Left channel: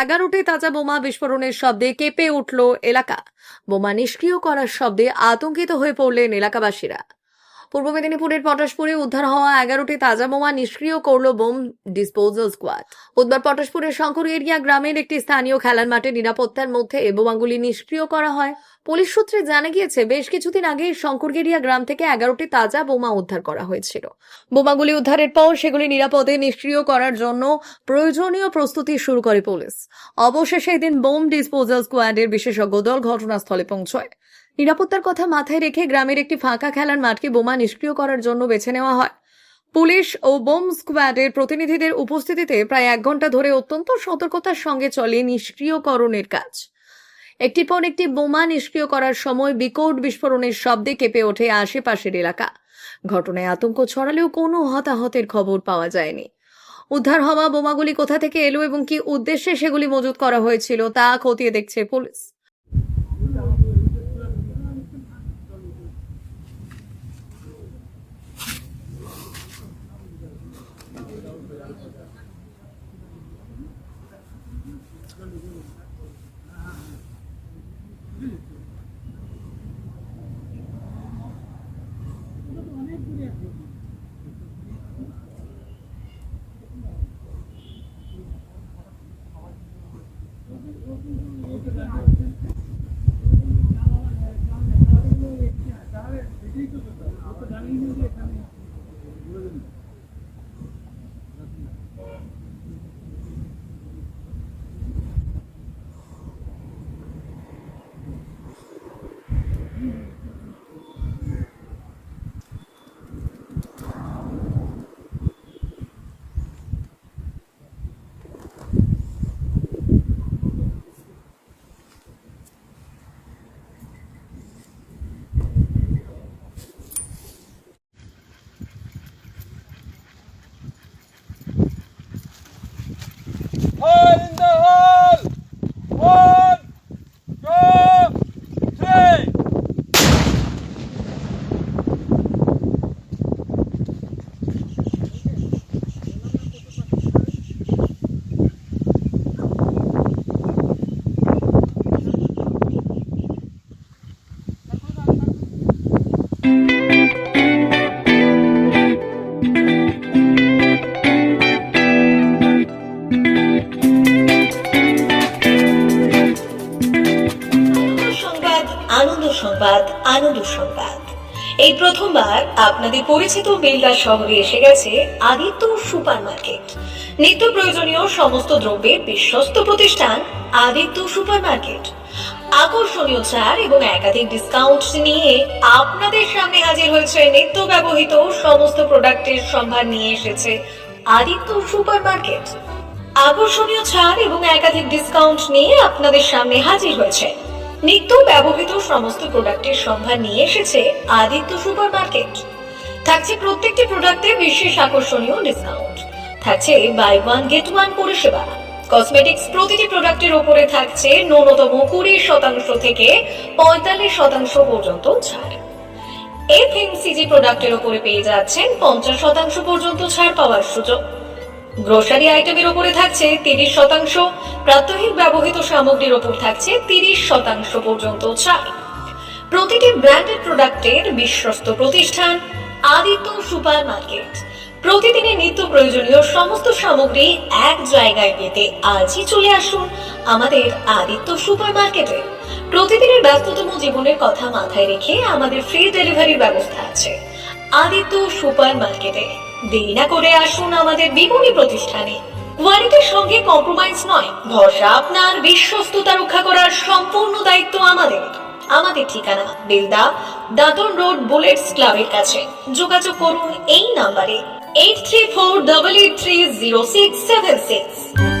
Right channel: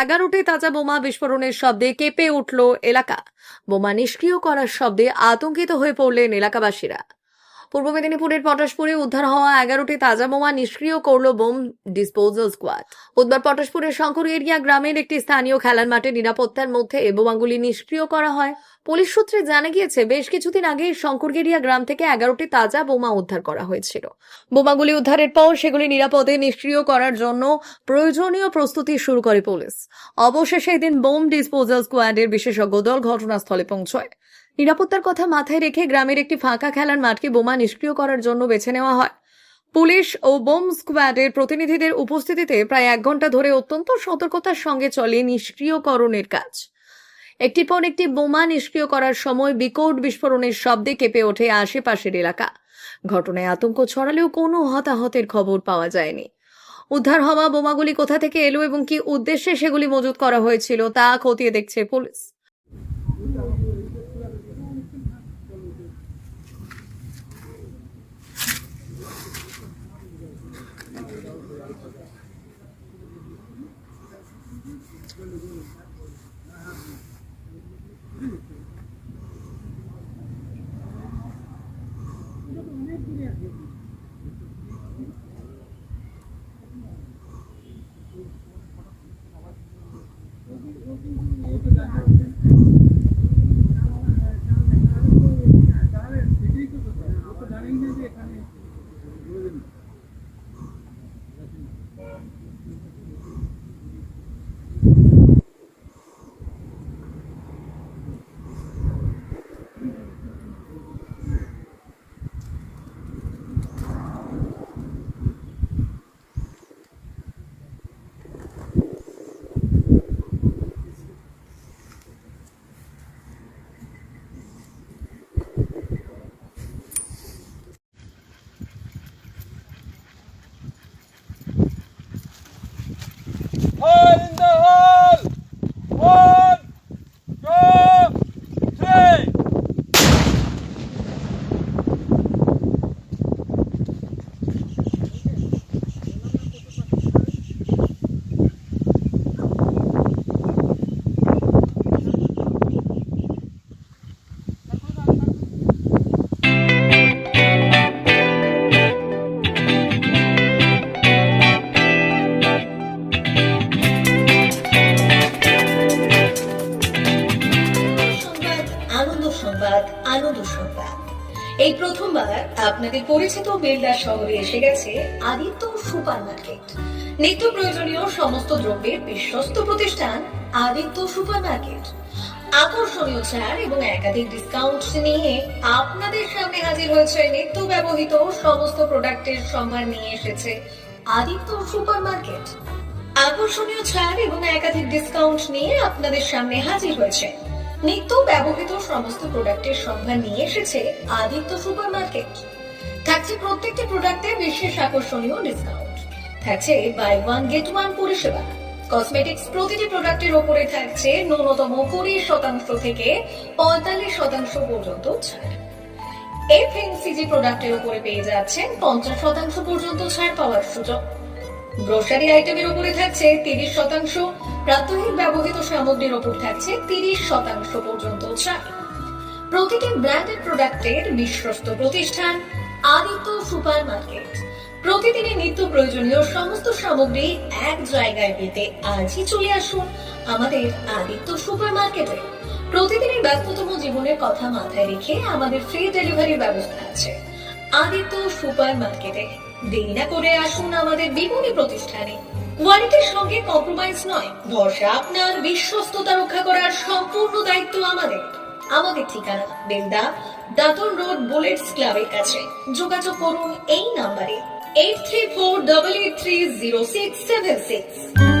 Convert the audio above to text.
11টি তাজা বোমা বিস্ফোরণের শব্দে কেঁপে উঠল এলাকা। বোমা নিষ্ক্রিয় করার শব্দে আতঙ্কিত হয়ে পড়লেন এলাকাবাসীরা। পূর্ব মেদিনীপুরের পটাশপুরে উদ্ধার হওয়া 11টি তাজা বোমা নিষ্ক্রিয় করল বোম ডিসপোজাল স্কোয়াড। বুধবার পটাশপুরের শঙ্কর এরিয়া গ্রামের একটি স্থানীয় খেলার মাঠে নিরাপত্তার মধ্যে বোমাগুলি নিষ্ক্রিয় করা হয়। পুলিশ সূত্রে জানা গিয়েছে, বেশ কিছুদিন আগে শঙ্করগেরিয়া গ্রাম থেকে 11টি তাজা বোমা উদ্ধার করা হয়েছিল। বোমাগুলি উদ্ধারের পর সেগুলি নিরাপদে নিষ্ক্রিয় করার জন্য প্রয়োজনীয় প্রস্তুতি শুরু করে পুলিশ। অবশেষে এদিন বোম ডিসপোজাল স্কোয়াডের বিশেষজ্ঞ দল ঘটনাস্থলে পৌঁছয়। নিরাপত্তার কথা মাথায় রেখে গ্রামের একটি ফাঁকা খেলার মাঠকে বোমা নিষ্ক্রিয় করার জন্য বেছে নেওয়া হয়। পুলিশ ও বোম স্কোয়াডের প্রতিনিধিদের উপস্থিতিতে প্রায় 1 ঘন্টা ধরে অত্যন্ত সতর্কতার সঙ্গে চলে নিষ্ক্রিয়করণের কাজ। একটির পর একটি বোমা নিষ্ক্রিয় করার সময় বিকট বিস্ফোরণের শব্দে কেঁপে ওঠে আশেপাশের এলাকা। ঘটনায় আতঙ্ক ছড়ালেও কোনো হতাহতের খবর পাওয়া যায়নি। উদ্ধার হওয়া বোমাগুলি কোথা থেকে এলো এবং কি উদ্দেশ্যে সেগুলি মজুত করা হয়েছিল তা খতিয়ে দেখছে police. All in the hall! 1, 2, 3! আনন্দ সংবাদ, আনন্দ সংবাদ। এই প্রথমবার আপনাদের পরিচিত বেলদা শহরে এসে গেছে আদিত্য সুপার মার্কেট। নিত্য প্রয়োজনীয় সমস্ত দ্রব্যের বিশ্বস্ত প্রতিষ্ঠান আদিত্য সুপার মার্কেট। আকর্ষণীয় ছাড় এবং একাধিক ডিসকাউন্ট নিয়ে আপনাদের সামনে হাজির হয়েছে। নিত্য ব্যবহৃত সমস্ত প্রোডাক্টের সম্ভার নিয়ে এসেছে আদিত্য সুপার মার্কেট। আকর্ষণীয় ছাড় এবং একাধিক ডিসকাউন্ট নিয়ে আপনাদের সামনে হাজির হয়েছে। নিত্য ব্যবহৃত সমস্ত প্রোডাক্টের সম্ভার নিয়ে এসেছে আদিত্য সুপার মার্কেট। থাকছে প্রত্যেকটি প্রোডাক্টে বিশেষ আকর্ষণীয় ডিসকাউন্ট। থাকছে বাই ওয়ান গেট ওয়ান পরিষেবা। কসমেটিক্স প্রতিটি প্রোডাক্টের উপরে থাকছে ন্যূনতম 20% থেকে 45% পর্যন্ত ছাড়। এফএমসিজি প্রোডাক্টের উপরে পেয়ে যাচ্ছেন 50% পর্যন্ত ছাড় পাওয়ার সুযোগ। গ্রোসারি আইটেমের উপরে থাকছে 30%, প্রাত্যহিক ব্যবহৃত সামগ্রীর উপর থাকছে 30% পর্যন্ত ছাড়। প্রতিটি ব্র্যান্ডেড প্রোডাক্টের বিশ্বস্ত প্রতিষ্ঠান আদিত্য সুপার মার্কেট। প্রতিদিনের নিত্য প্রয়োজনীয় সমস্ত সামগ্রী এক জায়গায় পেতে আজই চলে আসুন আমাদের আদিত্য সুপার মার্কেটে। প্রতিদিনের ব্যস্ততম জীবনের কথা মাথায় রেখে আমাদের ফ্রি ডেলিভারির ব্যবস্থা আছে আদিত্য সুপার মার্কেটে। দেরি না করে আসুন আমাদের বিপণী প্রতিষ্ঠানে। কোয়ালিটির সঙ্গে কম্প্রোমাইজ নয়, ভরসা আপনার, বিশ্বস্ততা রক্ষা করার সম্পূর্ণ দায়িত্ব আমাদের। আমাদের ঠিকানা বেলদা, দাদন রোড, বুলেটস ক্লাবের কাছে। যোগাযোগ করুন এই নাম্বারে 8348830676।